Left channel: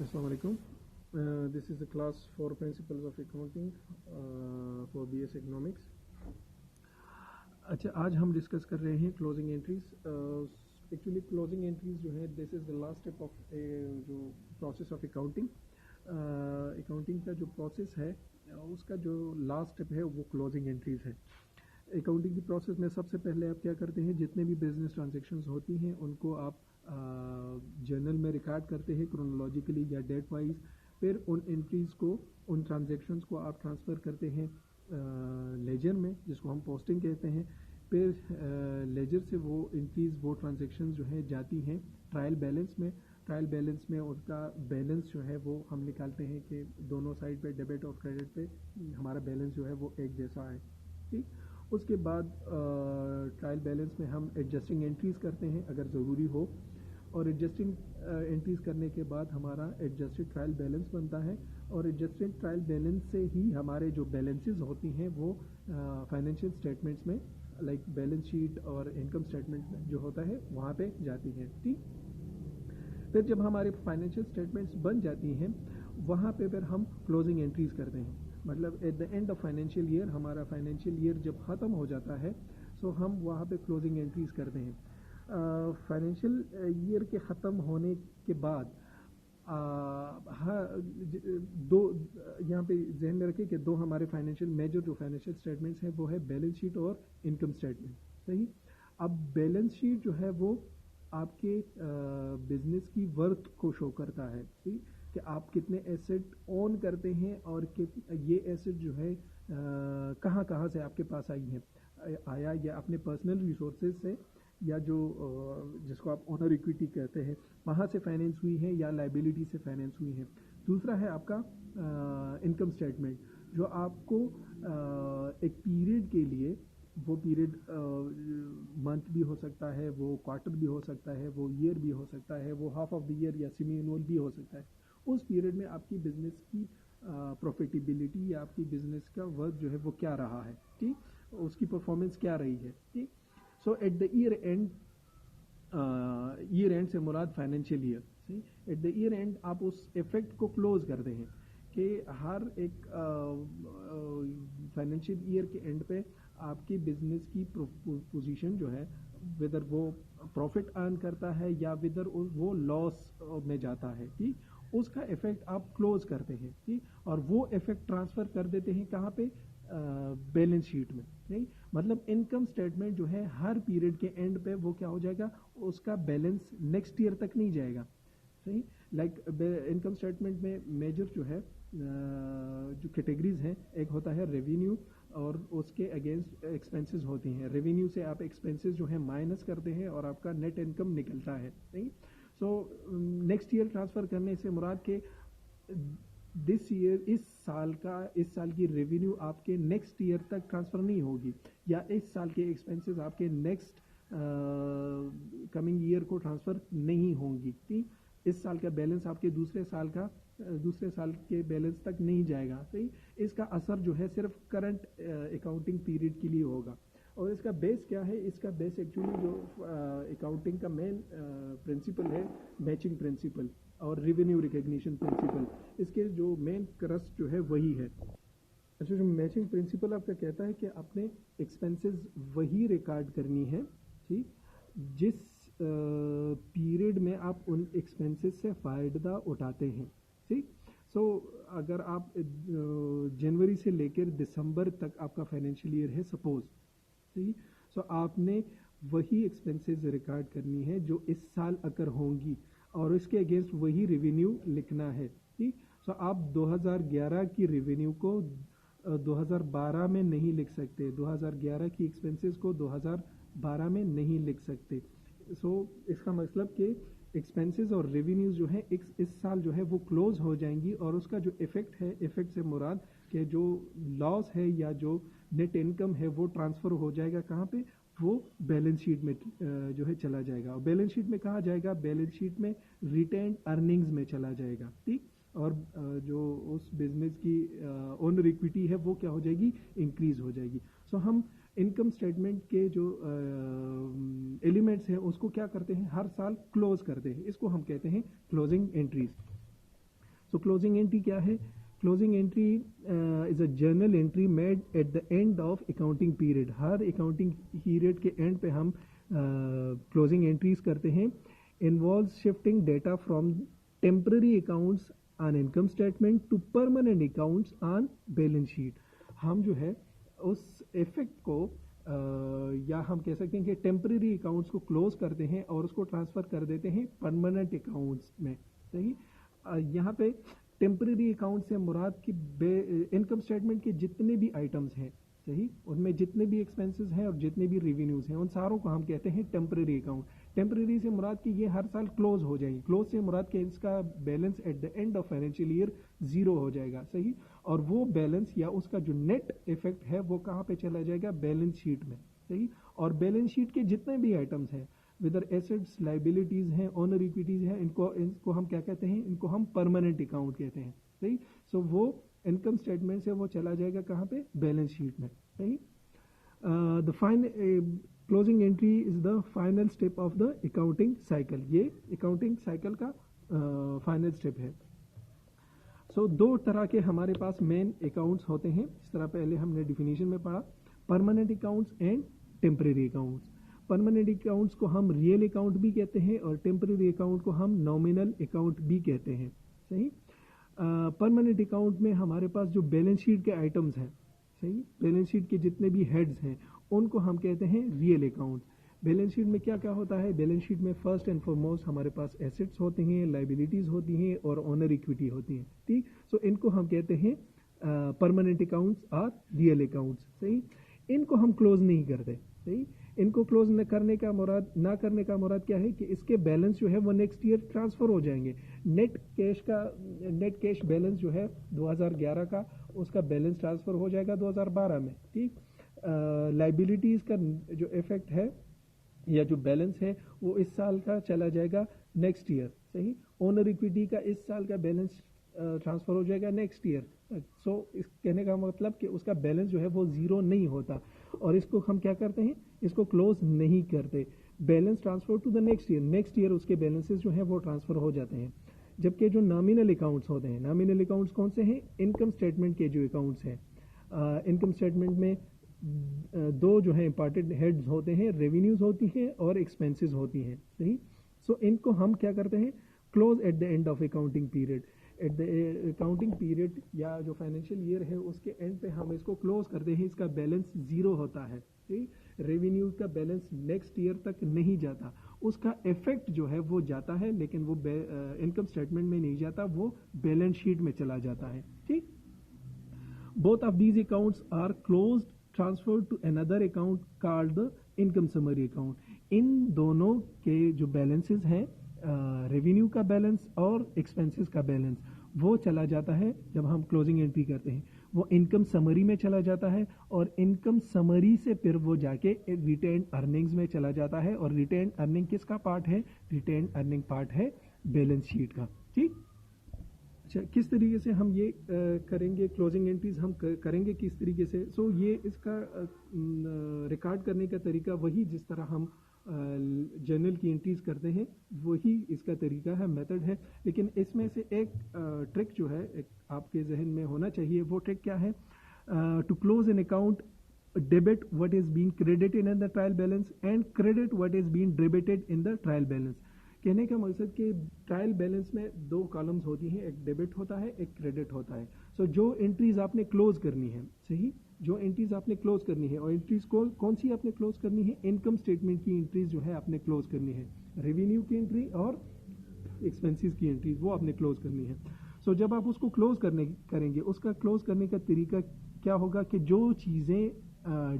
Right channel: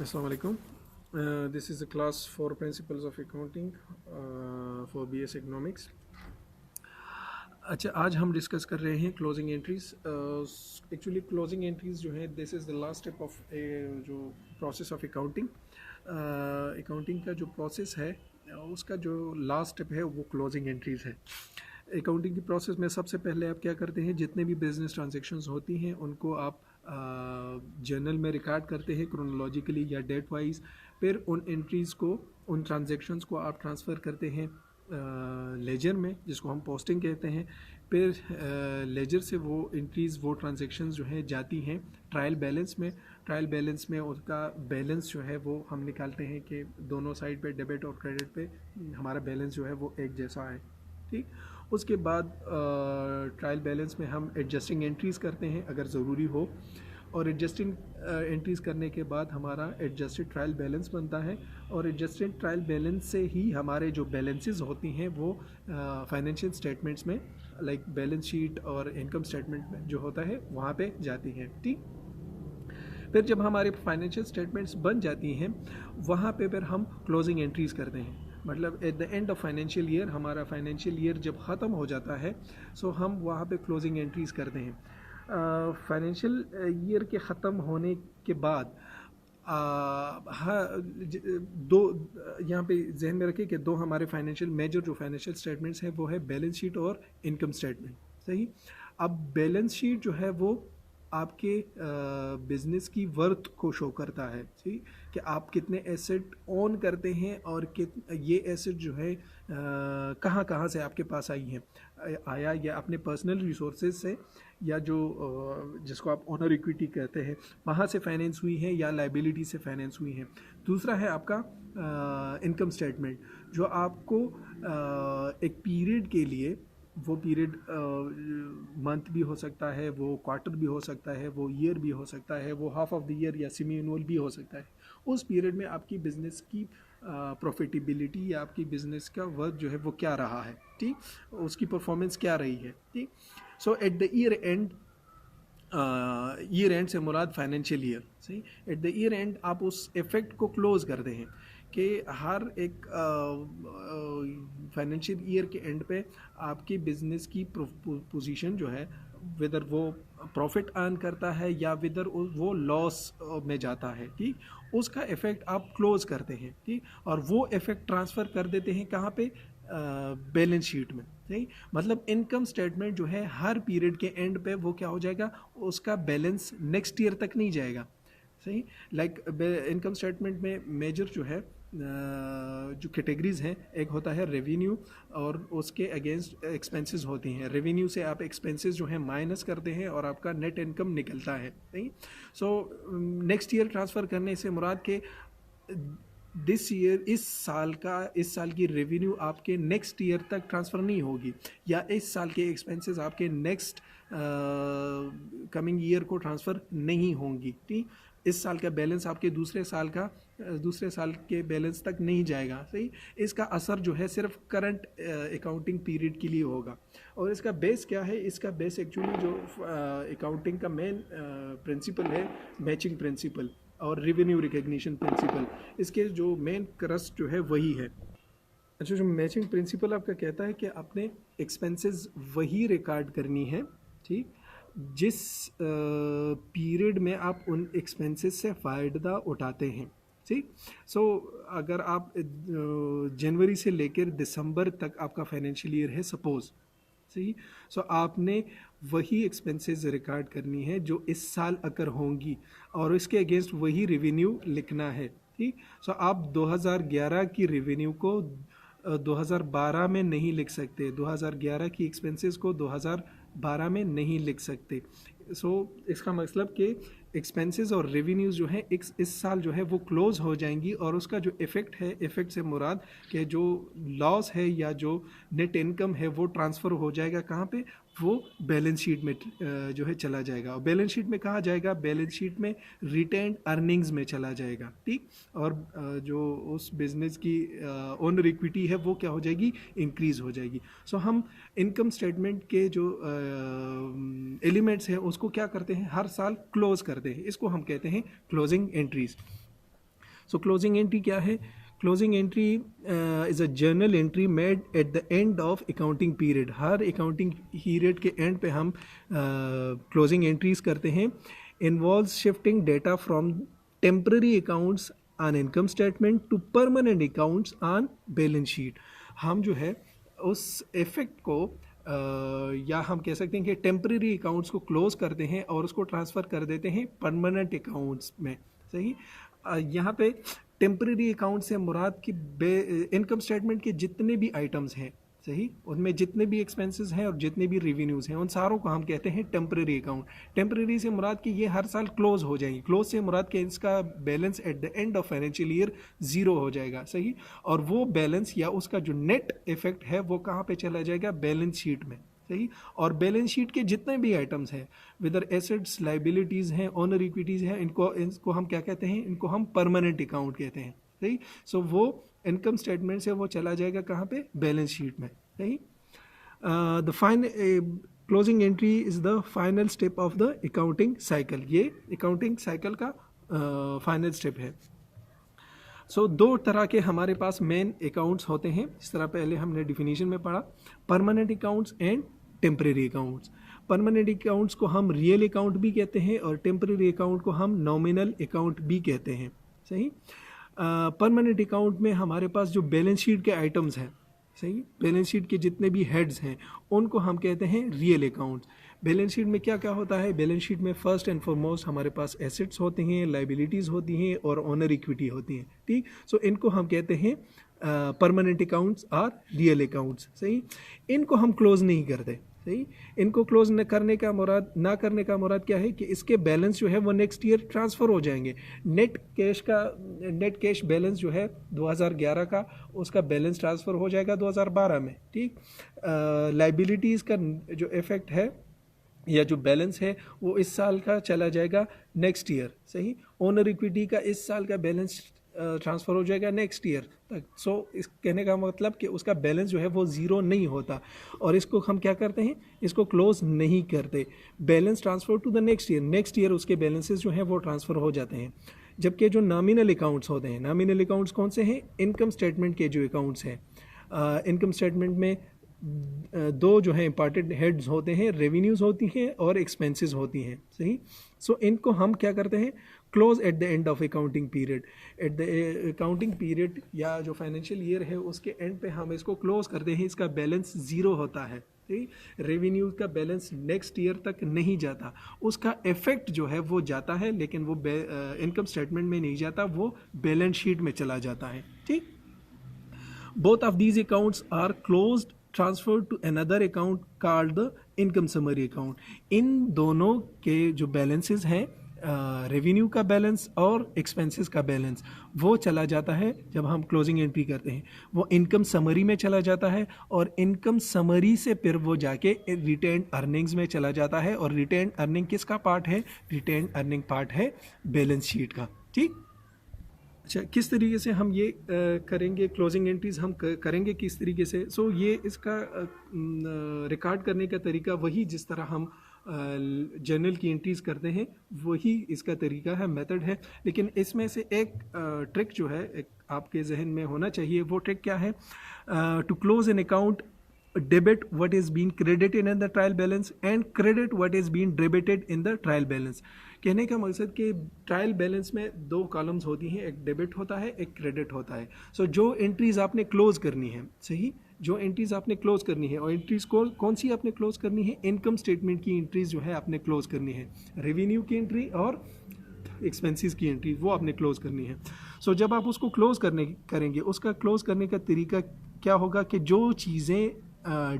Assalamu alaikum. This is the class for principles of accounting for BS Economics. अच्छा, आज हम discuss कर रहे हैं closing entries. Actually closing entries जो है this is the last step of जो प्रोसेस ऑफ अकाउंटिंग. अकाउंटिंग का जो प्रोसेस है उसका जो लास्ट स्टेप है वो क्लोजिंग एंट्रीज है. अकाउंटिंग की प्रोसेस में सबसे पहले आप क्या करते हैं, जितने भी बिजनेस ट्रांजैक्शंस होती हैं उनको आप जर्नल में रिकॉर्ड करते हैं क्रोनोलॉजिकली या डेट वाइज. फिर उन एंट्रीज़ को, उन ट्रांजैक्शंस को आप ट्रांसफ़र करते हैं लेजर में, जिसको हम पोस्टिंग कहते हैं. फिर लेजर से वो एंट्रीज़, वो ट्रांजैक्शंस जो है जाती हैं ट्रायल बैलेंस में. ट्रायल बैलेंस में उसका बैलेंस जो है वो हम निकालते हैं कि दोनों साइड पे, डेबिट और क्रेडिट पे, हमारा बैलेंस जो है वो एक जैसा है. ठीक. उसके बाद ट्रायल बैलेंस में हम एडजस्टिंग एंट्रीज़ करते हैं अगर ज़रूरी हो, और एडजस्टिंग एंट्रीज़ करने के बाद हमारा एडजस्टेड ट्रायल बैलेंस बनता है. और एडजस्टेड ट्रायल बैलेंस से ही हमारे जो बैलेंसेस होती हैं वो फाइनेंशियल स्टेटमेंट्स में, लाइक बैलेंस शीट और इनकम स्टेटमेंट में जो होता है वहाँ पे जाती हैं. ठीक. फिर जब हमारे फाइनेंशियल स्टेटमेंट्स बन जाती हैं वहाँ पे फिर हम क्लोजिंग एंट्रीज़ करते हैं. मतलब eight the end of financial year, हमारा फाइनेंशियल ईयर जब ख़त्म हो जाता है सो हम वहाँ पे क्लोजिंग एंट्रीज़ करते हैं. फाइनेंशियल ईयर के ख़त्म होने के बाद दो, यहाँ पे जहन में रखें कि दो हमारे फाइनेंशियल मेजर जो फाइनेंशियल स्टेटमेंट्स हैं वो है बैलेंस शीट और इनकम स्टेटमेंट. सही. अब बैलेंस शीट जो है वो आपके बिजनेस की वर्थ को शो करता है. सही. कि आप कितने एसेट ओन करते हैं और ये एसेट जो है कहाँ कहाँ से आपके पास आई हैं, आया या अपने पर्सनल रिसोर्सेज से, या जो जिसको आप ओनर इक्विटी कहते हैं वहाँ से फाइनेंस हुई है या लाइबिलिटी से फाइनेंस हुई है. दूसरा है आपका इनकम स्टेटमेंट, जो आपको एक पीरियड के लिए, वो पीरियड मंथ भी हो सकता है, वो क्वार्टर भी हो सकता है, वो ईयर भी हो सकता है, वो हाफ ऑफ द ईयर या सेमी एनुअल भी हो सकता है. उस पीरियड में आपकी बिज़नेस की प्रॉफिटेबिलिटी या आपकी बिज़नेस का वर्क जो है वो क्या रहा है. ठीक. उसकी परफॉर्मेंस क्या रही है. ठीक. So at the year end, year end से मुराद फाइनेंशियल ईयर. सही. एट द ईयर एंड आप उस इफेक्ट को क्लोज करते हैं कि हर एक फाइनेंशियल ईयर के एंड पे आपकी बिजनेस की पोजीशन जो है, वेदर वो प्रॉफिट अर्न करता है या वेदर वो लॉस में जाता है. ठीक. उसका इफेक्ट आप क्लोज करते हैं. ठीक. और वो इफेक्ट ट्रांसफ़र कर देते हैं कहाँ पे, बैलेंस शीट में. सही. मतलब इनकम स्टेटमेंट जो है हर पीरियड के एंड पे वो क्या हो जाएगा, उसका बैलेंस नेक्स्ट ईयर तक नहीं जाएगा. सही. लाइक इनकम स्टेटमेंट में मेजर जो है जो कैटेगरीज हैं, एक होता है रेवेन्यू और उसके अगेंस्ट एक्सपेंसेस होती हैं. रेवेन्यू से आप एक्सपेंसेस जो हैं माइनस करते हैं और आपका नेट इनकम निकलता है. सही. सो नेक्स्ट ईयर ट्रांसफ़र करने से मुराद के दिस ईयर, इस साल की रेवेन्यू आपके नेक्स्ट ईयर तक ट्रांसफ़र नहीं होगी, या इस साल के एक्सपेंसेस आपके नेक्स्ट कमिंग ईयर को ट्रांसफ़र नहीं होंगी. ठीक. इस साल का बैलेंस आपके दूसरे साल के बैलेंस तक नहीं जाएगा. सही. इसका असर जो है सिर्फ करंट अकाउंटिंग पीरियड के लिए होगा. और इसका बेस क्या है, इसका बेस एक्चुअली जो अकाउंटिंग का मेन प्रिंसिपल है, मैचिंग प्रिंसिपल और रेवेन्यू रिकग्निशन प्रिंसिपल. इसके जो मेन क्रस्ट जो है वही है. अच्छा, जो मैचिंग प्रिंसिपल आपका कहता है कि आपने एक्सपेंसेस वही रिकॉर्ड करनी है. ठीक. जिस पीरियड में आप उन एक्सपेंसेस से फ़ायदा उठाते हैं. ठीक. सो अगर आप जनवरी से लेकर दिसंबर तक आपका फाइनेंशियल ईयर है सपोज़. सही. सो आपने वही एक्सपेंसेस रिकॉर्ड करनी है जो इस साल अगर होंगी, और इसके अगेंस्ट वही रेवेन्यू लिखना है. ठीक. सो आप 2011 की रेवेन्यू को 2012 में नहीं लिख सकते, 2011 की एक्सपेंसेस को 2012 में नहीं लिख सकते. सो इसका मतलब कि एक्सपेंसेस और रेवेन्यूज़ जो है इस साल जो है वो क्लोज हो जाएंगी, और उसका जो इफ़ेक्ट है, इफ़ेक्ट से मुराद कि जो लॉस है या जो नेट इनकम है वो ट्रांसफ़र हो जाएगा कहाँ पे, वो बैलेंस शीट में जो है चला जाएगा. और बैलेंस शीट में कहाँ जाएगा, बैलेंस शीट में रिटेन्ड अर्निंग्स में चला जाएगा. ठीक. और जो उस बिज़नेस की ओनर इक्विटी है वो क्या हो जाएगी, इंक्रीज़ हो जाएगी. सो हम इनकम स्टेटमेंट के जो एलिमेंट्स हैं उसको क्या करते हैं, हर साल क्लोज करते हैं. इसको हम कहते हैं closing entries. So closing entry क्या है? Closing entry is a journal entry made at the end of accounting period. हर अकाउंटिंग पीरियड के एंड पे हम क्लोजिंग एंट्रीज करते हैं। Involves shifting data from temporary accounts on income statement to permanent accounts on balance sheet. हम जो है उस इफेक्ट को या हम कह सकते हैं कि टेम्पररी अकाउंट्स को क्लोज करते हैं और उसको ट्रांसफ़र कर देते हैं परमानेंट अकाउंट्स में। सही। यहाँ पे टेम्पररी अकाउंट से मुराद की इनकम स्टेटमेंट के जितने भी आइटम्स हैं, सही, उनमें जितने भी एक्सपेंसेस हैं और जितने भी रेवेन्यूज़ हैं, उन सारों को हम कहते हैं टेम्पररी अकाउंट। टेम्पररी से मुराद कि ये हर साल क्लोज हो जाएंगी। क्लोज से मुराद कि इसका balance eight the end of financial year zero हो जाएगा। सही। और वो बैलेंस या उसका जो नेट इफेक्ट है वो कहाँ पे चला जाएगा? बैलेंस शीट में। सही। और बैलेंस शीट के जितने भी आइटम्स हैं, विदर एसेट्स, लाइबिलिटीज़ हैं, ऑनर इक्विटीज़ हैं, इनको हम क्या कहते हैं? इनको हम परमानेंट अकाउंट कहते हैं। सही। सो वो इनकम स्टेटमेंट से वो चला जाएगा कहाँ पे? बैलेंस शीट में। सही। The closing entry is the final step of the accounting cycle. ये अकाउंटिंग साइकिल का फाइनल स्टेप है। सो दो तरह के हमारे पास मेन अकाउंट्स होते हैं, इस तरह पहले हमने डिफिनीशन में पढ़ा, permanent accounts and temporary accounts. Permanent accounts को हम रियल अकाउंट भी कहते हैं और टेम्परेरी अकाउंट को हम नॉमिनल अकाउंट भी कहते हैं। सही। परमानेंट अकाउंट में हमारे पास जो बैलेंस शीट के आइटम्स हैं, सही, बैलेंस शीट के जितने भी हेड्स हैं उनको हम कहते हैं रियल अकाउंट्स। बैलेंस शीट में क्या क्या होता है? बैलेंस शीट में फर्स्ट एंड फॉरमोस्ट हमारे पास एसेट्स होते हैं, लाइबिलिटीज़ होती हैं और ऑनर इक्विटी होती हैं। ठीक। सो इनको हम कहते हैं परमानेंट अकाउंट्स और रियल अकाउंट्स। सही। इनको हम क्लोज नहीं करते। सही। इनको क्लोज न करने का मुराद क्या है कि इसके बैलेंस जो है वो नेक्स्ट ईयर ट्रांसफ़र हो जाएंगे। नेट कैश बैलेंस जो है 2011 का, उसका बैलेंस ट्रांसफ़र हो जाएगा 2012 में। ठीक। लाइबिलिटीज़ का जो इफेक्ट है या जो बैलेंस है वो इस साल का चला जाएगा नेक्स्ट ईयर। सही। ओनर इक्विटी का इस साल का बैलेंस ट्रांसफ़र हो जाएगा नेक्स्ट ईयर तक। सो इस कहने का मतलब कि उसका बैलेंस जो है वो ज़ीरो नहीं होता और इसको हम क्या करते हैं? इसको क्लोज नहीं करते। Balance transfer to the next year उसके बैलेंसेस जो हैं वो ट्रांसफ़र हो जाते हैं। जबकि जो नॉमिनल अकाउंट्स होते हैं, नॉमिनल अकाउंट्स कौन से हैं? इनकम स्टेटमेंट के जो अकाउंट्स हैं, इनकम स्टेटमेंट में दो जो है इंपॉर्टेंट हेड्स होते हैं, रेवेन्यूज़ होती हैं और एक्सपेंसेस होती हैं। सही। सो इनको हम क्या करते हैं? Close eight the end of accounting period. At the accounting period या जो फाइनेंशियल ईयर है उसके एंड पे हम इसको क्लोज करते हैं। इसका बैलेंस ज़ीरो होता है। रेवेन्यू का बैलेंस नेक्स्ट ईयर तक नहीं जाता, उसका इफेक्ट जो है वो जाता है, लेकिन वो इनकम स्टेटमेंट में नहीं जाता, वो बैलेंस शीट में चला जाता है। ठीक। Both of these accounts are closed transferred to another account called the income summary account. इन दोनों के जो बैलेंसेस हैं, रेवेन्यू का बैलेंस और एक्सपेंसेस का बैलेंस, वो चला जाता है जब हम क्लोजिंग एंट्री करते हैं, वो इनकम समरी में चला जाता है और इनकम समरी से फिर वो जाके रिटेन अर्निंग्स में चला जाता है। और रिटेन अर्निंग किसका पार्ट है? रिटेन अर्निंग पार्ट है बैलेंस शीट का। ठीक। अच्छा, किस तरीके से हम ये करेंगे क्लोजिंग एंट्रीज? हम करेंगे किस तरीके से? सो ये इसका रिकॉर्ड करने का तरीका वही जिस तरह हम जर्नल की एंट्रीज करते हैं वही इसका तरीका है, मेथड है। लेकिन इसमें से एक ट्रिक जो है एक आपके जहन में होना चाहिए। वो ट्रिक क्या है? To close an account, debit what is been credited in the trial balance and credit what is been debited in the trial balance. कहने का मकसद कि ट्रायल बैलेंस में दो कॉलम्स होती हैं, एक डेबिट होता है, एक क्रेडिट होता है। सो जो एंट्रीज आपने क्लोज करनी है, सही, जो एंट्रीज आपने क्लोज करनी है, और एंट्रीज को कौन सी आपने क्लोज करनी है? इनकम स्टेटमेंट की एंट्रीज जो है आपने क्लोज करनी है, रेवेन्यू की एंट्री और एक्सपेंसेस की एंट्री वो आपने क्लोज करनी है। सो जब आप उसको क्लोज करेंगे, उसका क्लोज करने का तरीका क्या होगा कि जो चीज़ें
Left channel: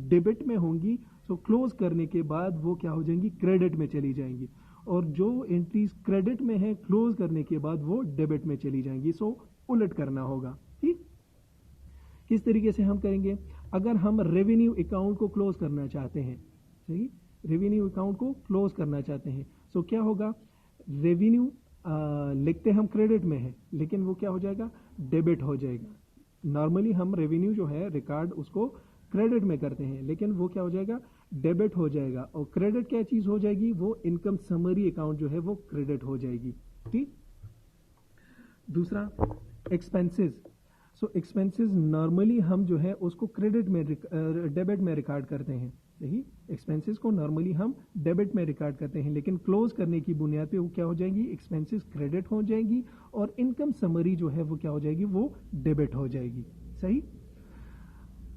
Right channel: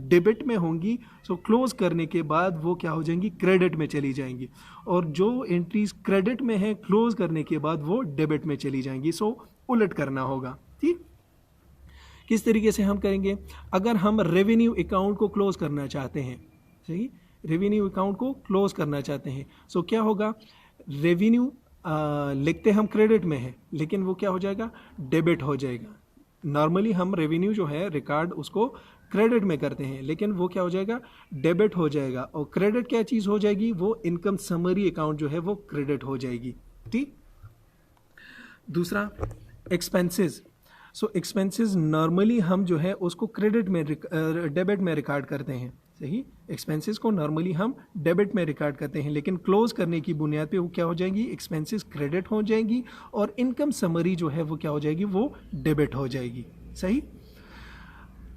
डेबिट में होंगी, सो क्लोज करने के बाद वो क्या हो जाएंगी? क्रेडिट में चली जाएंगी, और जो एंट्रीज क्रेडिट में है क्लोज करने के बाद वो डेबिट में चली जाएंगी। सो उलट करना होगा। ठीक। किस तरीके से हम करेंगे? अगर हम रेवेन्यू अकाउंट को क्लोज करना चाहते हैं, सही, रेवेन्यू अकाउंट को क्लोज करना चाहते हैं, सो क्या होगा? रेवेन्यू लिखते हम क्रेडिट में है, लेकिन वो क्या हो जाएगा? डेबिट हो जाएगा। नॉर्मली हम रेवेन्यू जो है रिकॉर्ड उसको क्रेडिट में करते हैं, लेकिन वो क्या हो जाएगा? डेबिट हो जाएगा। और क्रेडिट क्या चीज़ हो जाएगी? वो इनकम समरी अकाउंट जो है वो क्रेडिट हो जाएगी। ठीक। दूसरा एक्सपेंसेस। सो एक्सपेंसेस नॉर्मली हम जो है उसको क्रेडिट में डेबिट में रिकॉर्ड करते हैं, सही। एक्सपेंसेस को नॉर्मली हम डेबिट में रिकॉर्ड करते हैं, लेकिन क्लोज करने की बुनियाद पे वो क्या हो जाएंगी, एक्सपेंसेस क्रेडिट हो जाएंगी और इनकम समरी जो है वो क्या हो जाएगी, वो डेबिट हो जाएगी, सही।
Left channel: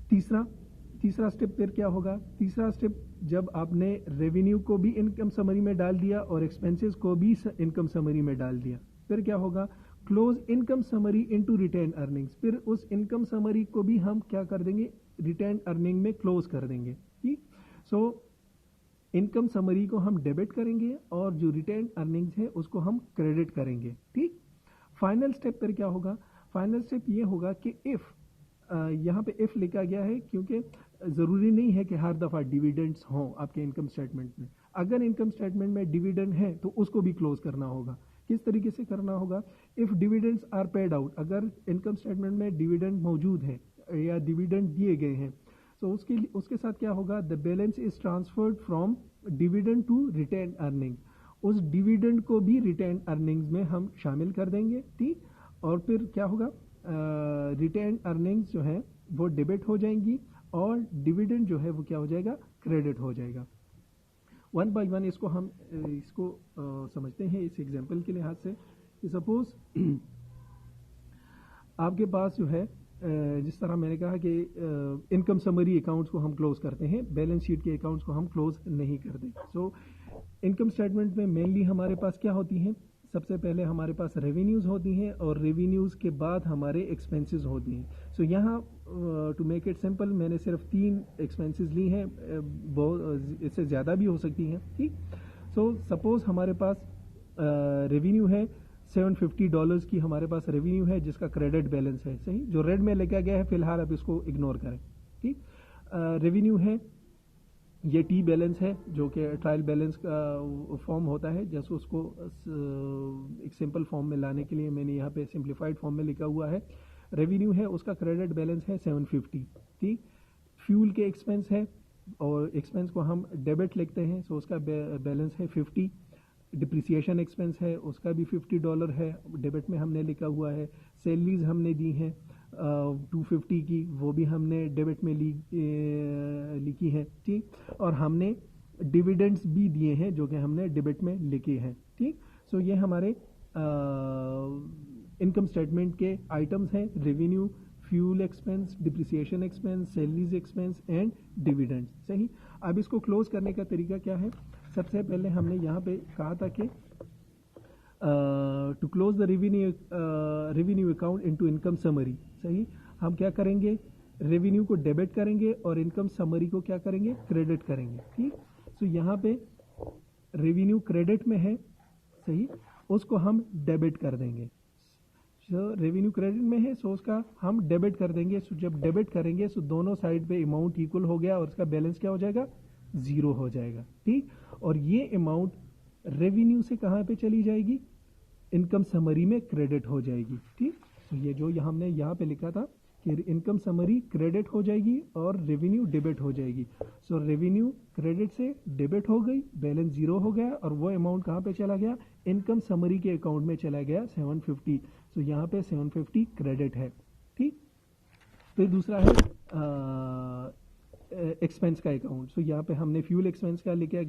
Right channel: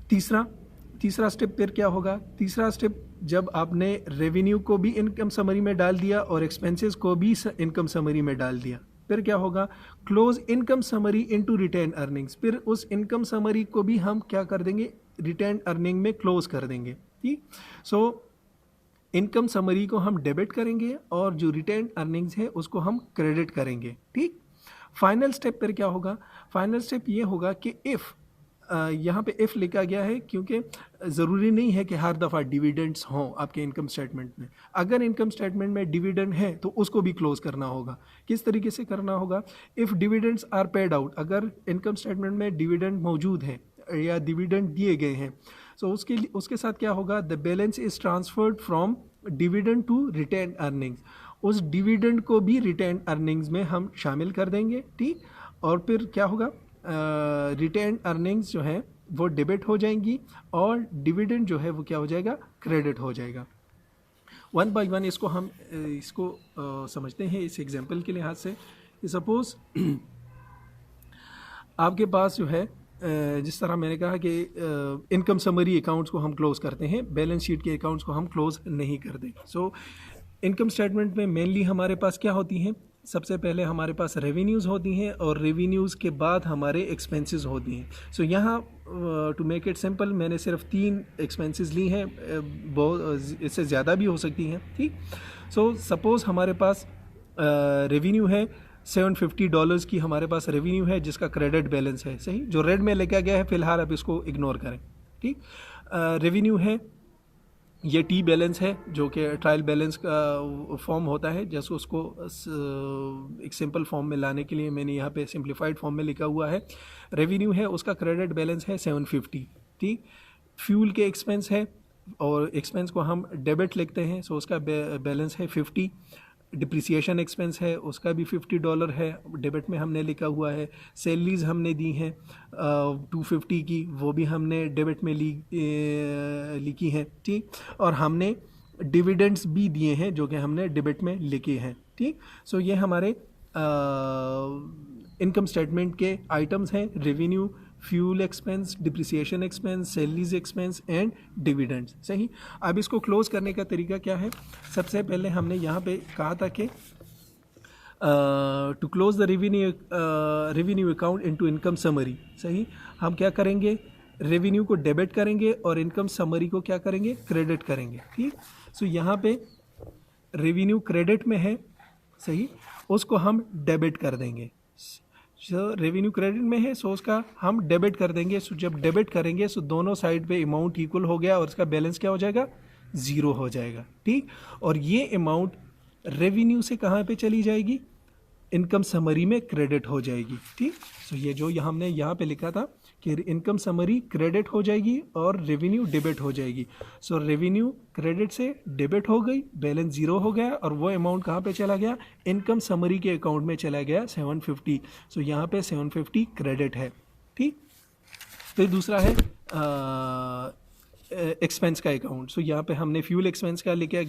तीसरा स्टेप फिर क्या होगा, तीसरा स्टेप जब आपने रेवेन्यू को भी इनकम समरी में डाल दिया और एक्सपेंसेस को भी इनकम समरी में डाल दिया, फिर क्या होगा, close income summary into retained earnings. फिर उस इनकम समरी को भी हम क्या कर देंगे, रिटेन अर्निंग में क्लोज कर देंगे, ठीक। सो इनकम समरी को हम डेबिट करेंगे और जो रिटेन अर्निंग्स है उसको हम क्रेडिट करेंगे, ठीक। फाइनल स्टेप पर क्या होगा, फाइनल स्टेप ये होगा कि इफ़ यहाँ पे इफ़ लिखा गया है क्योंकि ज़रूरी नहीं है कि हर दफ़ा डिविडेंड्स हों आपके इनकम स्टेटमेंट में। अगर इनकम स्टेटमेंट में डिविडेंड है तो उसको भी क्लोज करना होगा। किस तरीके से करना होगा, if dividends are paid out, अगर इनकम स्टेटमेंट में डिविडेंड मौजूद है या डिविडेंड दिए गए हैं, सो उसके साथ क्या होगा, the balance is transferred from dividend to retained earnings. उस डिविडेंड को भी रिटेन अर्निंग्स में हम शामिल कर देंगे, ठीक। और फिर क्या होगा, रिटेन अर्निंग्स जो है वो डेबिट हो जाएंगी और डिविडेंड जो है वो क्या हो जाएगा, क्रेडिट हो जाएगा। वन बाय वन इसको हम समझते हैं इस एग्जांपल के लिहाज से। सपोज आपके पास जो है जिस तरह मैंने कहा कि इनकम समरी अकाउंट्स को हम क्लोज करते हैं, बैलेंस शीट के अकाउंट्स को हम क्लोज नहीं करते। सो इनकम स्टेटमेंट में मेनली हमारे पास क्या होती हैं, सबसे पहले हमारे पास रेवेन्यूज़ होती हैं और रेवेन्यूज़ के बाद हमारे एक्सपेंसेस होती हैं। सो यहाँ टू मेक इट सिंपल मैंने सिर्फ 3 एक्सपेंसेस ली हैं, बहुत इससे ज़्यादा भी हो सकती हैं, ठीक। सो सपोज़ हमारे पास रेवेन्यू है $750 की, हमारे पास रेवेन्यू है जिसका क्रेडिट बैलेंस है, सही, जो रेड में लिखा गया है फ़िलहाल आप इसको इग्नोर करें, ठीक। रेवेन्यू है, ये टी बैलेंस है जो कि ट्रायल बैलेंस का फॉर्म होता है, जैसे उसको एक सिंपल फॉर्म में लाने के लिए मैंने यहाँ पे सिंप्लीफाइड फॉर्म में लिखा हुआ है। रेवेन्यू है, उसका क्रेडिट बैलेंस है 750, ठीक। फ्यूल के एक्सपेंस है और एक्सपेंस को हम डेबिट लिखते हैं, सो उसका बैलेंस है 50। डिप्रिसिएशन एक्सपेंस है, उसका भी $50 है, डेबिट में हमने लिखा हुआ है। सैलरीज हमने दी हैं 250 की, वो भी हमने डेबिट में लिखी हैं, ठीक। और हमने डिविडेंड्स भी दिए हैं जो कि हमने डेबिट में लिखे हैं, ठीक। सो ये हमारे इनकम स्टेटमेंट के आइटम्स हैं, revenue, fuel expense, depreciation expense, salaries expense and dividends, सही। अब इसको क्लोज करने का तरीका क्या है, सबसे पहले हमने यहाँ पे कहा था कि to close the revenue account into income summary, सही। हम क्या करेंगे, रेवेन्यू को डेबिट करेंगे और इनकम समरी को क्या करेंगे, क्रेडिट करेंगे, ठीक। सो यहाँ पे रेवेन्यू क्रेडिट में है, सही, उसको हम डेबिट कर देंगे। रेवेन्यू क्रेडिट में है, सो उसका हम डेबिट कर देंगे। सो जब डेबिट करेंगे सो दोनों साइड पे अमाउंट इक्वल हो गया और इसका बैलेंस क्या हो जाएगा, 0 हो जाएगा, ठीक। और ये अमाउंट रेवेन्यू से कहाँ पे चली जाएगी, इनकम समरी में क्रेडिट हो जाएगी, ठीक। सो ये जो हमने यहाँ पे लिखा था कि इनकम समरी क्रेडिट हो जाएगी और रेवेन्यू डेबिट हो जाएगी। सो रेवेन्यू क्रेडिट से डेबिट हो गई, बैलेंस 0 हो गया और वो अमाउंट कहाँ पे चला गया, इनकम समरी के अकाउंट में चला गया 750। सो यहाँ पे 750 क्रेडिट है, ठीक। फिर दूसरा है एक्सपेंस का अकाउंट। सो यहाँ पे हमने फ्यूल एक्सपेंस का लिखा है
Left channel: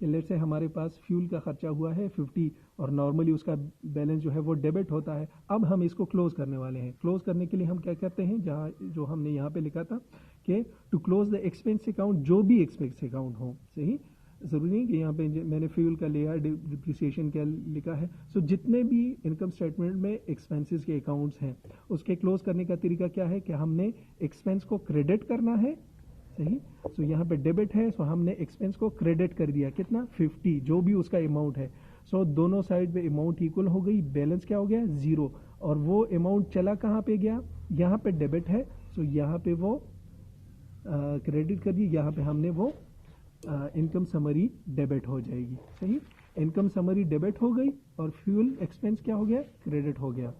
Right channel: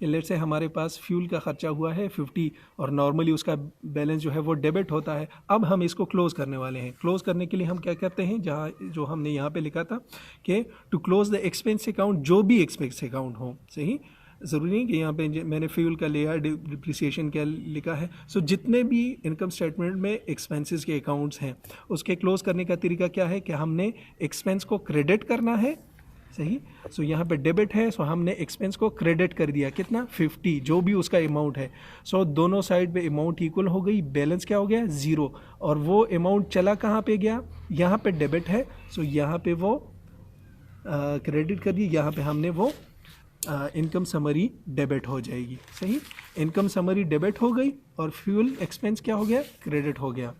कि लेट से हमारे पास फ्यूल का खर्चा हुआ है 50 और नॉर्मली उसका बैलेंस जो है वो डेबिट होता है। अब हम इसको क्लोज करने वाले हैं। क्लोज करने के लिए हम क्या करते हैं, जहाँ जो हमने यहाँ पे लिखा था कि to close the expense account, जो भी एक्सपेंस अकाउंट हो, सही, ज़रूरी नहीं कि यहाँ पे मैंने फ्यूल का लिया, डिप्रिसिएशन का लिखा है। सो जितने भी इनकम स्टेटमेंट में एक्सपेंसेस के अकाउंट्स हैं उसके क्लोज करने का तरीका क्या है कि हमने एक्सपेंस को क्रेडिट करना है, सही। सो यहाँ पे डेबिट है, सो हमने एक्सपेंस को क्रेडिट कर दिया, कितना, 50, जो भी उसका अमाउंट है। सो दोनों साइड पे अमाउंट इक्वल हो गई, बैलेंस क्या हो गया, 0। और वो अमाउंट चला कहाँ पे गया, यहाँ पे डेबिट है, सो यहाँ पे वो क्रेडिट कर दी, यहाँ पे हमने वो इनकम समरी डेबिट हो जाएगी, सही। इनकम समरी डेबिट हो गई और फ्यूल एक्सपेंस क्या हो गया, क्रेडिट हो गया।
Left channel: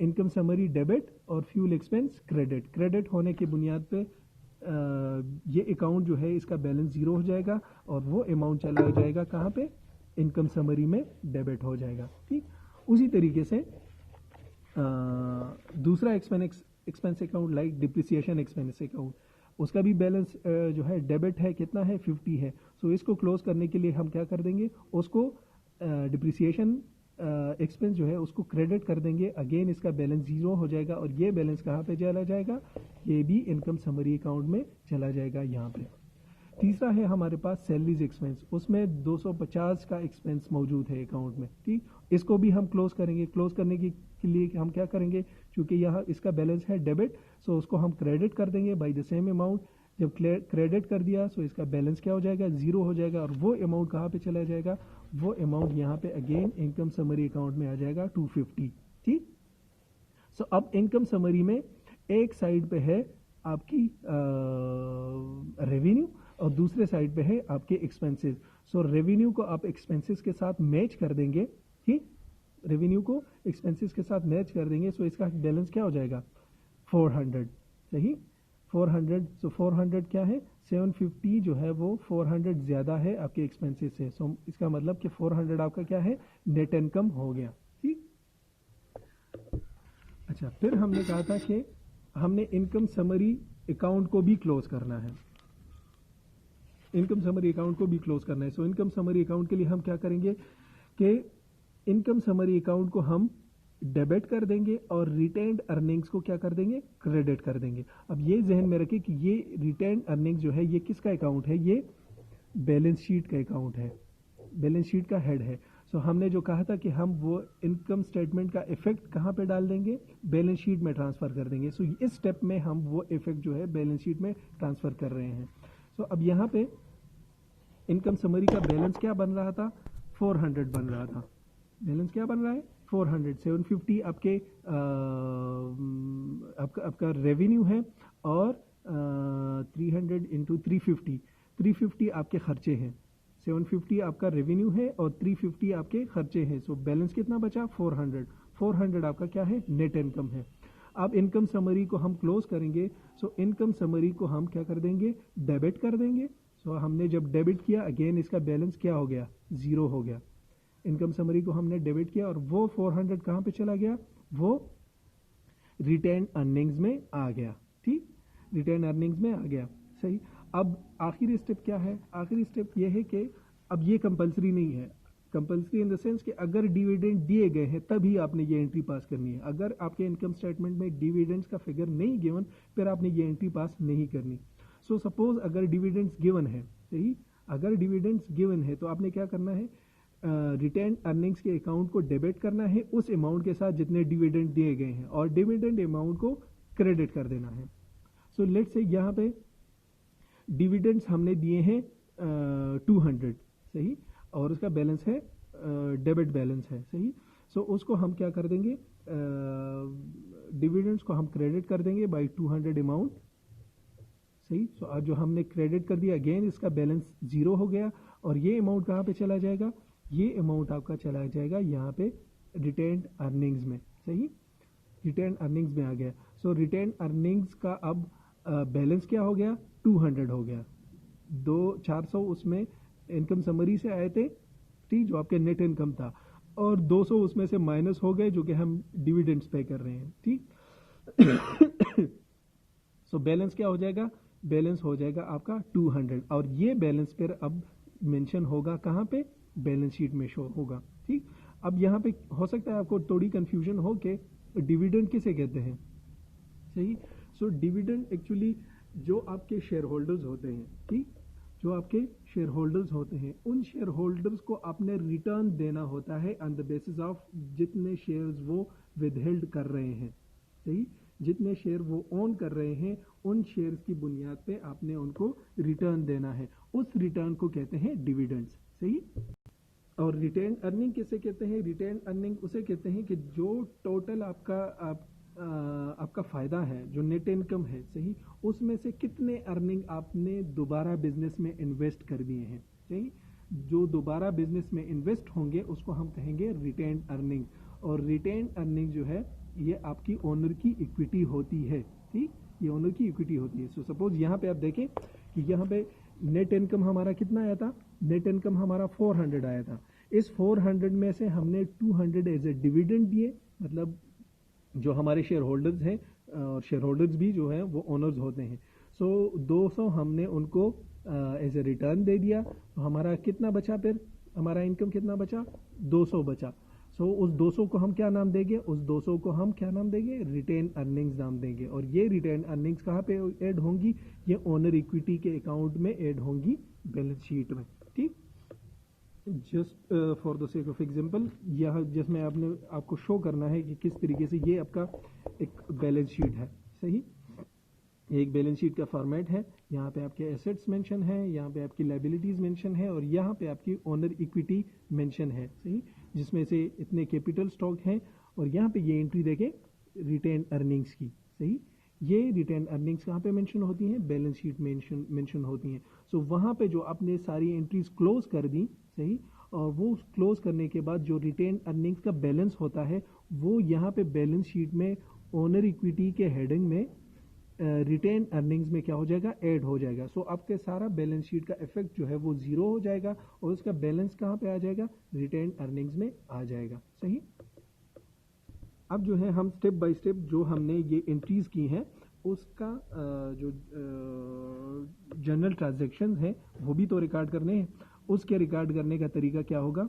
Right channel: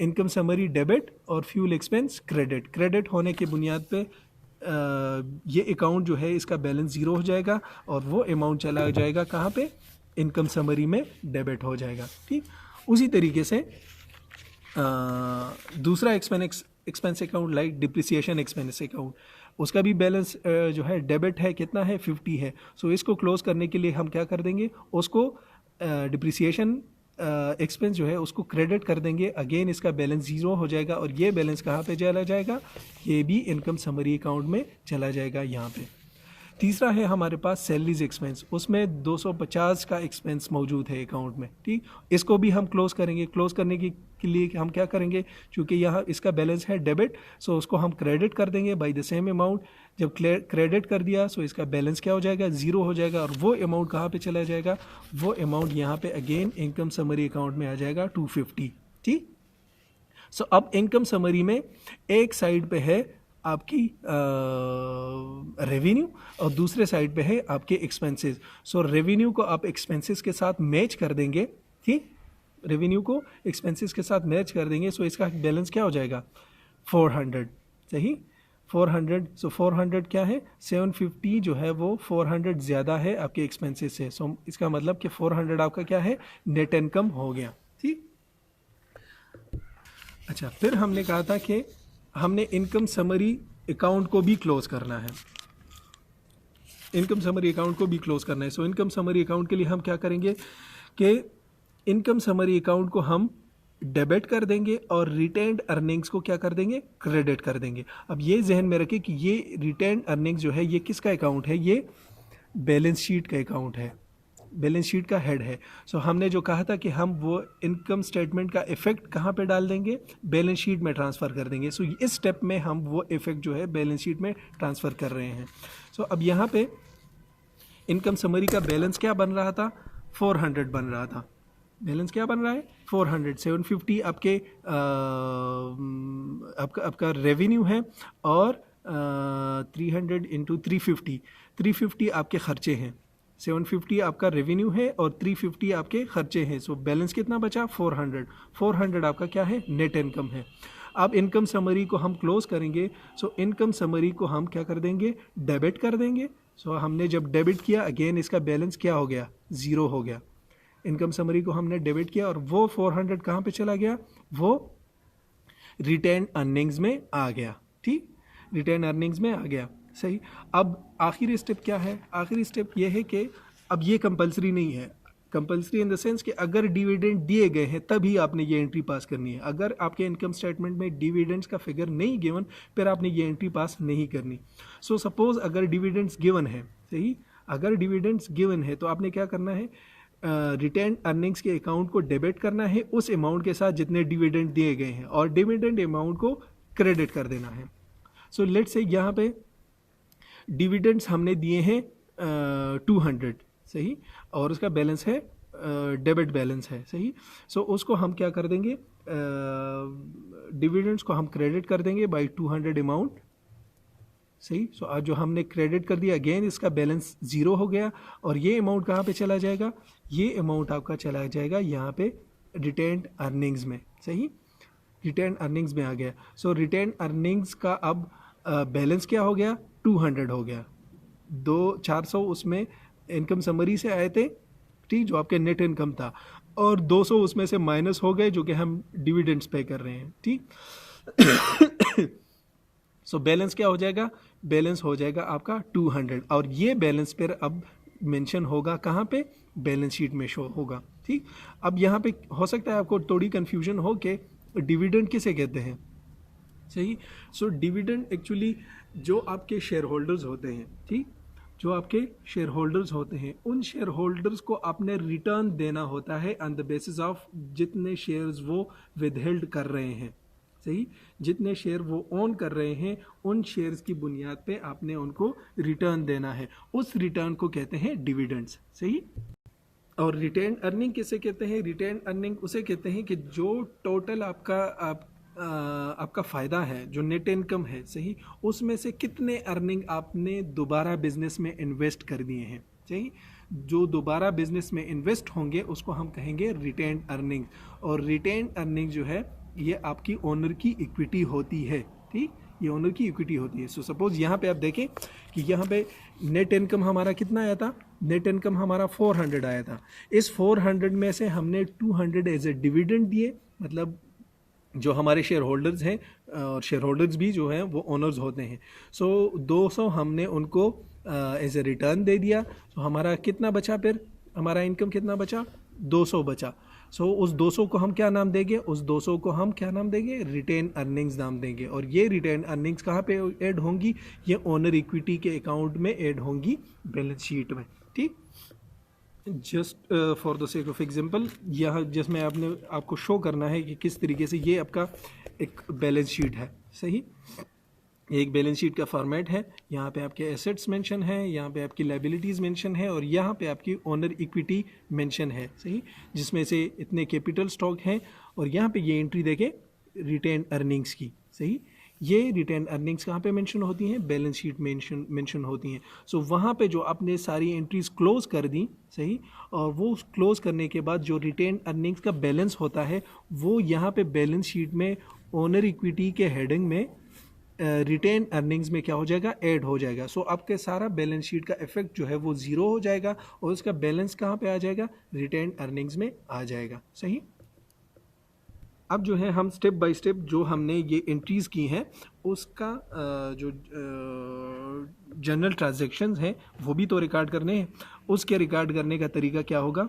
इनकम समरी डेबिट और फ्यूल एक्सपेंस क्रेडिट होने की बुनियाद पे ये अकाउंट जो है इसका बैलेंस 0 हो जाएगा और वो अमाउंट चला जाएगा कहाँ पे, इनकम समरी में डेबिट हो जाएगा, ठीक। उसी तरीके से दूसरा expense account like depreciation expense account, उसका भी बैलेंस जो है डेबिट है, कितना है 50 है। सो इसको क्लोज करने के लिए हम क्या कर देंगे, उसको डिप्रिसिएशन एक्सपेंस जो है उसको क्रेडिट कर देंगे, अगेन इसका बैलेंस ज़ीरो हो जाएगा और ये बैलेंस कहाँ पे चला जाएगा, ये भी इनकम समरी अकाउंट में चला जाएगा यहाँ पे। तीसरा है हमारे पास सैलरीज एक्सपेंस, उसमें 250 का एक्सपेंस मौजूद है अकाउंट में, ठीक। इसको भी हम क्लोज करेंगे, क्लोज करने के लिए हम क्या करेंगे, क्योंकि यहाँ इसका बैलेंस है डेबिट, सो उसको हम क्रेडिट कर देंगे बाय द सेम अमाउंट। जब क्रेडिट कर दिया सो इसका बैलेंस क्या हो जाएगा, ज़ीरो हो जाएगा और वो अमाउंट कहाँ पे चला जाएगा, वो अमाउंट यहाँ पे अगेन इनकम समरी अकाउंट में आ जाएगा 250, ठीक। सो अब इनकम समरी में एक साइड पे है आपकी रेवेन्यू और दूसरे साइड पे है आपके एक्सपेंसेस। सो रेवेन्यू को आप एक्सपेंसेस के साथ मैच कर देंगे, ठीक, रेवेन्यू को एक्सपेंसेस के साथ मैच कर देंगे। सो इसका बैलेंस क्या हो जाएगा 400, सही 400। सो 400 क्या है, 750 जो है वो 400 ज़्यादा है आपके एक्सपेंसेस से। सो इसका मतलब कि 400 आपका क्या है, नेट इनकम हो गया, ठीक। अच्छा, फिर हमने कहा था कि हमने इनकम समरी अकाउंट को भी क्लोज करना है, इनकम समरी अकाउंट को भी क्लोज करना है। सो इनकम समरी अकाउंट के लिए हम क्या करेंगे कि इनकम समरी अकाउंट को हम डेबिट कर देंगे और रिटेन्ड अर्निंग्स को क्या कर देंगे, क्रेडिट कर देंगे। अब ये जहन में रखें कि ये रिटेन्ड अर्निंग्स जो है ये किसका अकाउंट है, ये बैलेंस शीट का अकाउंट है, बैलेंस शीट का हेड है। सो हमने जो कहा था कि हम वो इनकम स्टेटमेंट का इफेक्ट कहाँ पे डाल देंगे, बैलेंस शीट में ट्रांसफ़र कर देंगे। सो इस स्टेप में हम वो इफेक्ट जो है बैलेंस शीट में ट्रांसफ़र कर रहे हैं। सो अब यहाँ पे इनकम समरी का बैलेंस क्या बन रहा था, 400 बन रहा था। बैलेंस क्या बन रहा है 400, 750 आपका रेवेन्यू है और 300 इंटू 350 आपके खर्चे हैं। 750 आपका रेवेन्यू है और 350 आपके खर्चे हैं। सो बैलेंस कितना बचा 400 आपका क्या है, नेट इनकम है। अब इनकम समरी को हम क्लोज करेंगे। सो इनकम समरी को हम क्या कर देंगे, डेबिट कर देंगे। सो हमने जब डेबिट किया अगेन इसका बैलेंस क्या हो गया, ज़ीरो हो गया। इनकम समरी को हमने डेबिट किया और वो 400 कहाँ पे चला गया, वो रिटेन अर्निंग्स में आ गया, ठीक, रिटेन अर्निंग्स में आ गया, सही। अब आखिरी स्टेप क्या है, आखिरी स्टेप ये है कि अब ये कंपलसरी नहीं है, कंपलसरी इन द सेंस कि अगर डिविडेंड दिए गए हैं तभी आपने ये एंट्री पास करनी है। अगर आपके इनकम स्टेटमेंट में डिविडेंड्स का फिगर नहीं गिवन फिर आपने ये एंट्री पास नहीं करनी। सो सपोज अगर डिविडेंड्स गिवन है, सही, अगर डिविडेंड्स गिवन है तो आपने क्या करना है, रिटेन अर्निंग्स के अकाउंट को डेबिट करना है उस अमाउंट के साथ जितने डिविडेंड दिए गए हैं और डिविडेंड अमाउंट को क्रेडिट कर देना है। सो लेट्स से यहाँ पे डिविडेंड्स हमने दिए हैं 200, सही, और उसका बैलेंस है डेबिट बैलेंस है, सही। सो उसको हम क्या कर देंगे, डिविडेंड्स को हम क्रेडिट कर देंगे बाय 200 अमाउंट, सही। सो आज जो हमने क्रेडिट कर दिया अगेन इसका बैलेंस ज़ीरो हो गया और ये अमाउंट कहाँ पे चला जाएगा, ये अमाउंट आपका चला जाएगा यहाँ पे रिटेन्ड अर्निंग्स में, सही, रिटेन्ड अर्निंग्स में आ गया। सो रिटेन्ड अर्निंग्स का अब बैलेंस क्या हो गया, 200 हो गया। 400 उसमें इनकम समरी से आए थे, ठीक, जो आपके नेट इनकम था, और 200 उसमें से माइनस हो गए जो कि हम डिविडेंड्स पे कर रहे हैं, ठीक। सो बैलेंस क्या हो जाएगा, बैलेंस हो जाएगा आपका 200 और ये बैलेंस पर अब मेंशन होगा कहाँ पे, बैलेंस शीट में शो होगा, ठीक। अब यहाँ पे हो सकता है आपको थोड़ी कन्फ्यूजन हो कि डिविडेंड किसे कहते हैं, सही। सो डिविडेंड एक्चुअली जो आपके शेयर होल्डर्स होते हैं, ठीक, जो आपके शेयर होल्डर्स होते हैं उन शेयर होल्डर्स को आपने रिटर्न देना होता है ऑन द बेसिस ऑफ जितने शेयर्स वो विदहेल्ड कर रहे हैं, सही, जितने शेयर वो ओन कर रहे हैं उन शेयर्स की बुनियाद पे आपने उनको रिटर्न देना है, उस रिटर्न को कहते हैं डिविडेंड्स, सही। और रिटेन अर्निंग किसे कहते हैं, रिटेन अर्निंग उसे कहते हैं कि जो टोटल आपका फ़ायदा है, जो नेट इनकम है, सही, उसमें से कितने अर्निंग आपने दोबारा बिजनेस में इन्वेस्ट कर दिए हैं, सही। जो दोबारा बिजनेस में इन्वेस्ट होंगे उसको हम कहेंगे रिटेन अर्निंग। और रिटेन अर्निंग जो है ये आपकी ओनर की इक्विटी होती है, ठीक, ये ओनर की इक्विटी होती है। सो सपोज यहाँ पे आप देखें कि यहाँ पे नेट इनकम हमारा कितना आया था नेट इनकम हमारा 400 आया था। इस 400 में से हमने 200 एज ए डिविडेंड दिए, मतलब जो हमारे शेयर होल्डर्स हैं, और शेयर होल्डर्स भी जो हैं वो ओनर्स होते हैं। सो 200 हमने उनको एज ए रिटर्न दे दिया। सो हमारा कितना बचा, फिर हमारा इनकम कितना बचा, 200 बचा। सो उस 200 को हम क्या नाम देंगे, उस 200 को हम क्या नाम देंगे, रिटेन अर्निंग्स नाम देंगे। और ये रिटेन अर्निंग्स कहाँ पे ऐड होंगी, ये ओनर इक्विटी के अकाउंट में ऐड होंगी, बैलेंस शीट में। ठीक, just for the sake of example, यहाँ जिसमें आपको शो करना है कि किस तरीके से ये आपका एक बैलेंस शीट है। सही, एक बैलेंस शीट का फॉर्मेट है। यहाँ पे आपके एसेट्स मेंशन है, यहाँ पे आपकी लायबिलिटीज़ मेंशन है, और यहाँ पे आपकी ओनर इक्विटी मेंशन है। सही, जिसमें से इतने कैपिटल स्टॉक हैं, और यहाँ पे ये एंट्री देखें रिटेन अर्निंग्स की। सही, ये रिटेन अर्निंग्स कहाँ पे मेंशन होती हैं, बैलेंस शीट मेंशन होती हैं। सो वहाँ पे जो आपने सारी एंट्रीज क्लोज कर दी, सही, और वो क्लोज करने के बाद जो रिटेन अर्निंग्स का बैलेंस होता है वो यहाँ पे बैलेंस शीट में ओनर इक्विटी के हेडिंग में रिटेन अर्निंग्स में क्या हो जाएगा, ऐड हो जाएगा। सो आपके सारा बैलेंस शीट का इफेक्ट जो है वो ज़ीरो हो जाएगा, और उसका बैलेंस कहाँ पे आ जाएगा, रिटेन अर्निंग्स में आ जाएगा। सही, अब जो है हम स्टेप बाय स्टेप जो हमने ये एंट्रीज़ की हैं उसका जो जनरल ट्रांजैक्शंस हैं वो भी तो रिकॉर्ड करने हैं। उसके रिकॉर्ड करने का तरीका क्या होगा,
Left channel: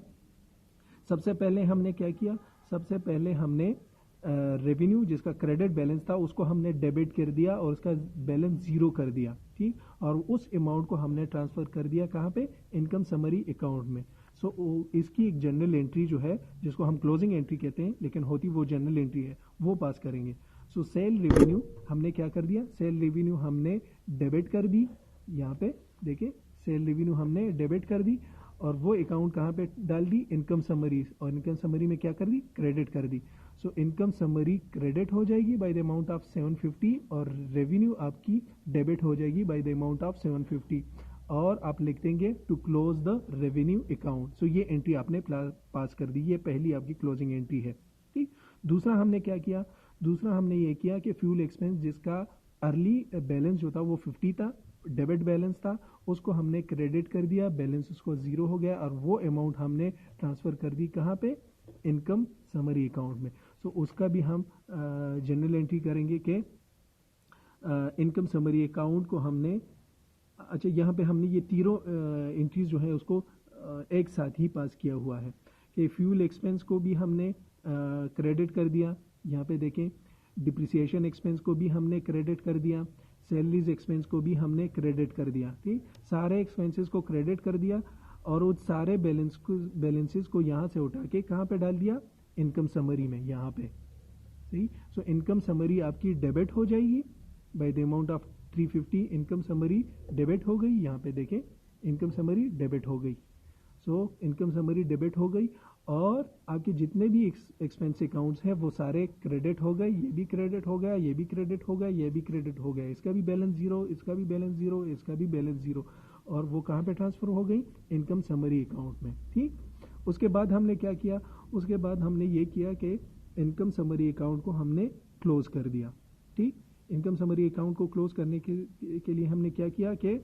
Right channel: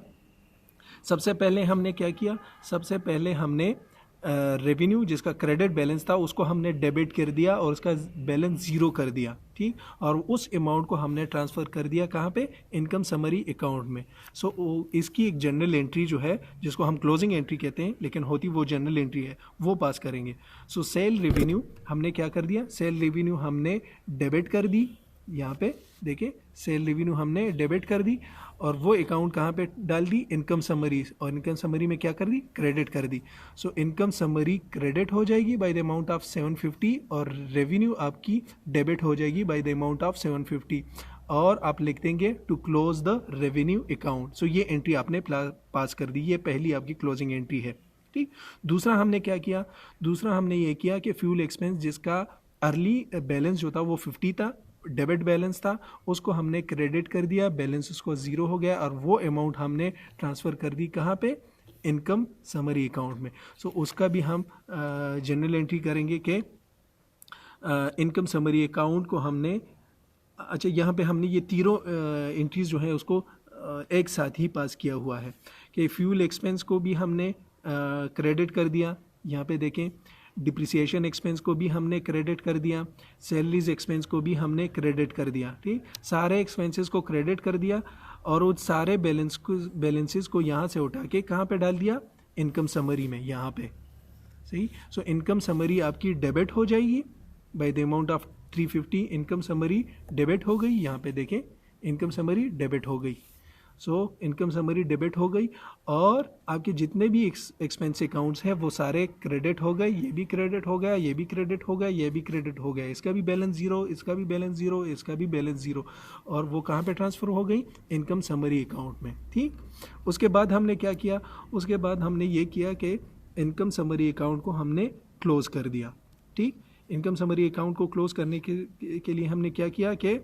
सबसे पहले हमने क्या किया, सबसे पहले हमने रेवेन्यू जिसका क्रेडिट बैलेंस था उसको हमने डेबिट कर दिया और उसका बैलेंस ज़ीरो कर दिया। ठीक, और उस अमाउंट को हमने ट्रांसफ़र कर दिया कहाँ पे, इनकम समरी अकाउंट में। सो इसकी एक जनरल एंट्री जो है जिसको हम क्लोजिंग एंट्री कहते हैं, लेकिन होती वो जनरल एंट्री है, वो पास करेंगे। सो सेल रेवेन्यू हमने क्या कर दिया, सेल रेवेन्यू हमने डेबिट कर दी। यहाँ पे देखिए सेल रेवेन्यू हमने डेबिट कर दी, और वो अकाउंट कहाँ पे डाल दी, इनकम समरी, और इनकम समरी में क्या कर दी, क्रेडिट कर दी। सो इनकम समरी क्रेडिट हो जाएगी बाय द अमाउंट ऑफ 750, और रेवेन्यू आपकी डेबिट हो जाएगी बाय द अमाउंट ऑफ 750, और आप लिख देंगे to close the revenue account. So ये एंट्री आपने पास कर दी, ये पहली आपकी क्लोजिंग एंट्री है। ठीक, दूसरा हमने क्या किया, दूसरा हमने ये किया कि फ्यूल एक्सपेंस जिसका अर्ली बैलेंस जो था वो 50 था, डेबिट बैलेंस था, उसको हमने क्रेडिट कर दिया, बैलेंस उसको ज़ीरो हो गया, और वो अमाउंट हमने ट्रांसफ़र कर दी कहाँ पे, इनकम समरी अकाउंट में। सो उसका भी हम जनरल एंट्री करेंगे कि इनकम समरी अकाउंट को हमने, अच्छा यहाँ पे हमने ये तीनों एंट्रीज जो है उसको एक साथ ही पास किया हुआ है कि फ्यूल एक्सपेंस को भी हमने क्रेडिट कर दिया, यहाँ पे देखें डिप्रिसिएशन एक्सपेंस को भी हमने क्रेडिट कर दिया, सैलरीज एक्सपेंस को भी हमने क्रेडिट कर दिया। ठीक, सारे एक्सपेंसेस को क्रेडिट कर दिया, और उस सारे बैलेंसेस को यहाँ से उठा के कहाँ पे डाल दिया, इनकम समरी में, यहाँ पे। सही, सो इनकम समरी आपकी डेबिट हो जाएगी bye the amount of 350, income summary debit हो गई, यहाँ पे देखें इनकम समरी डेबिट हो गई। सो इनकम समरी डेबिट हो गई, और आपके जितने भी एक्सपेंस अकाउंट्स हैं वो सारे क्रेडिट हो गए, ये भी क्रेडिट हो गया, ये भी क्रेडिट हो गया, ये भी क्रेडिट हो गया, इसका भी बैलेंस ज़ीरो, इसका भी बैलेंस ज़ीरो, इसका भी बैलेंस ज़ीरो, और वो कहाँ पे ट्रांसफ़र हो गई, इनकम समरी अकाउंट में। ठीक, उसके बाद हमने क्या किया, उसके बाद हमने ये किया कि इनकम समरी अकाउंट को हमने क्लोज़ कर दिया। ठीक, इनकम समरी अकाउंट को क्लोज़ करने के लिए हमने क्या किया कि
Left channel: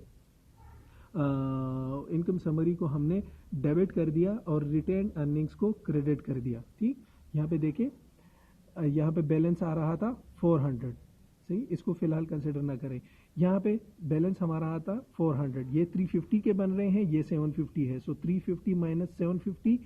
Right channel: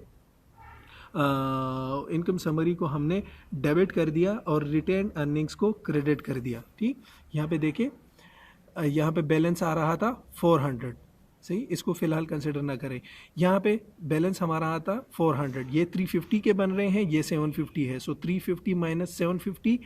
इनकम समरी को हमने डेबिट कर दिया और रिटेन अर्निंग्स को क्रेडिट कर दिया। ठीक, यहाँ पे देखिए यहाँ पे बैलेंस आ रहा था 400, सही, इसको फिलहाल कंसिडर ना करें। यहाँ पे बैलेंस हमारा आता 400, ये 350 के बन रहे हैं, ये 750 है। सो 350 माइनस 750,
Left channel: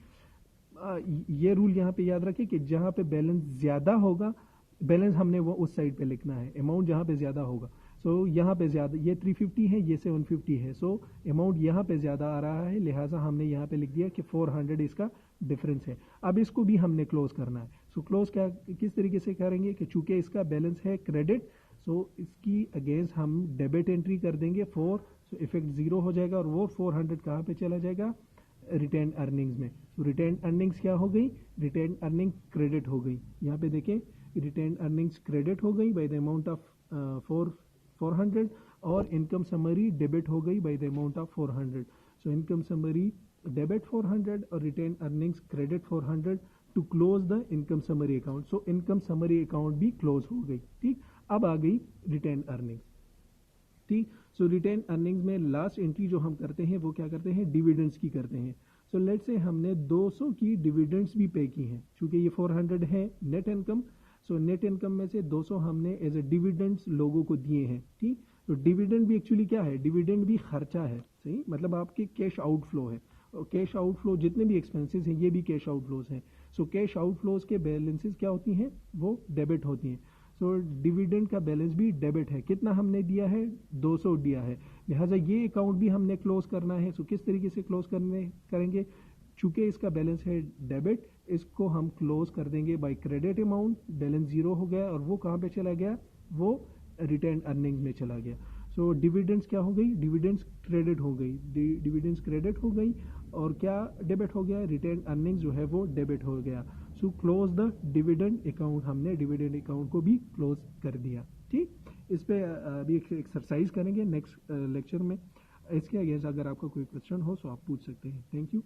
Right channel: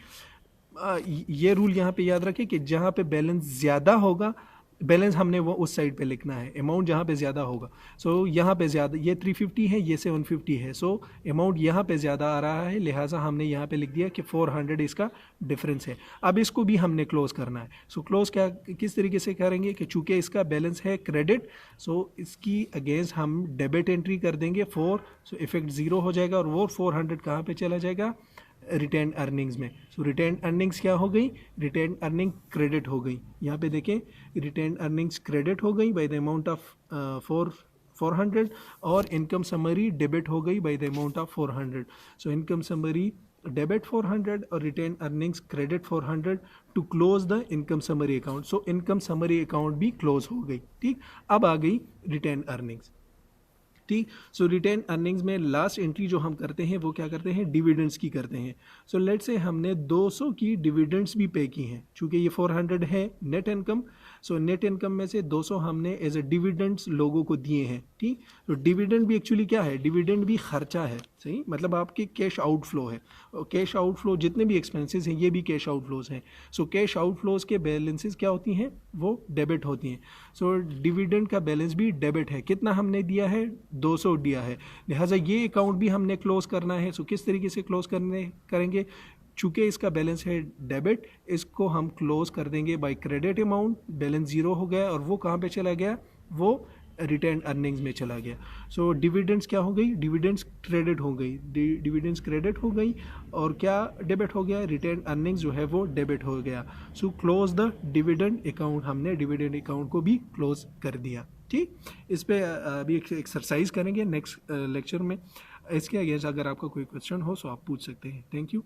ये रूल यहाँ पे याद रखें कि जहाँ पे बैलेंस ज़्यादा होगा, बैलेंस हमने वो उस साइड पे लिखना है, अमाउंट जहाँ पे ज़्यादा होगा। सो यहाँ पे ज़्यादा, ये 350 है, ये 750 है, सो अमाउंट यहाँ पे ज़्यादा आ रहा है, लिहाजा हमने यहाँ पे लिख दिया कि 400 इसका डिफरेंस है। अब इसको भी हमने क्लोज़ करना है। सो क्लोज़ क्या किस तरीके से करेंगे कि चूँकि इसका बैलेंस है क्रेडिट, सो इसकी अगेंस्ट हम डेबिट एंट्री कर देंगे 4, सो इफेक्ट ज़ीरो हो जाएगा, और वो 400 कहाँ पर चला जाएगा, रिटेन अर्निंग्स में। सो रिटेन अर्निंग्स क्या हो गई, रिटेन अर्निंग क्रेडिट हो गई। यहाँ पे देखें रिटेन अर्निंग्स क्रेडिट हो गई बाय द अमाउंट ऑफ 400, और इनकम समरी डेबिट हो गई by the amount of 400। So income summary debit 400 और retained earnings credit 400 to close the income summary account. So income summary account भी close हो गई। ठीक, अब आ गई रिटेन अर्निंग्स। ठीक। सो रिटेन अर्निंग्स में लास्ट एंट्री जो हम करते हैं वो क्या करते हैं, डिविडेंड्स की करते हैं। सो लेट्स से हमने 200 की डिविडेंड्स भी पे की हैं, चूँकि ये 400 है net income. So net income में से 200 हमने एज ए डिविडेंड्स लोगों को दिए हैं, ठीक। तो डिविडेंड भी एक्चुअली क्या है, डिविडेंड भी खर्चा है, सही, मतलब आपके कैश आउटफ्लो है। और कैश आउटफ्लो जितने भी एक्सपेंसेस हैं ये भी कैश आउटफ्लोज हैं। सो कैश आउटफ्लोज के बैलेंसेस क्या होती हैं, वो डेबिट होती हैं। सो डिविडेंड का बैलेंस भी डेबिट है, कितना हमने दिया है, 200 दिया है, लिहाजा ये अकाउंट भी हमने क्लोज करना है। सो किस तरीके से क्लोज करेंगे, चूँकि इसका बैलेंस है डेबिट, इसको हम क्लोज कर देंगे by credit amount. Balance zero हो गया और वो कहाँ पे चला गया, वो रिटेन अर्निंग्स में चला गया। सो डिविडेंड्स क्या हो गई, डिविडेंड्स क्रेडिट हो गई, डिविडेंड्स क्रेडिट हो गई और क्या डेबिट हो गया, रिटेन अर्निंग्स जो है वो डेबिट हो गया। So close the dividend account, हमने डिविडेंड अकाउंट को भी क्लोज कर दिया, ठीक। इस पर अभी एक एक्सरसाइज करेंगे नेक्स्ट लेक्चर में। इसके अगेंस्ट अगर आपका कोई क्वेश्चन हो तो आप पूछ सकते हैं। Thank you.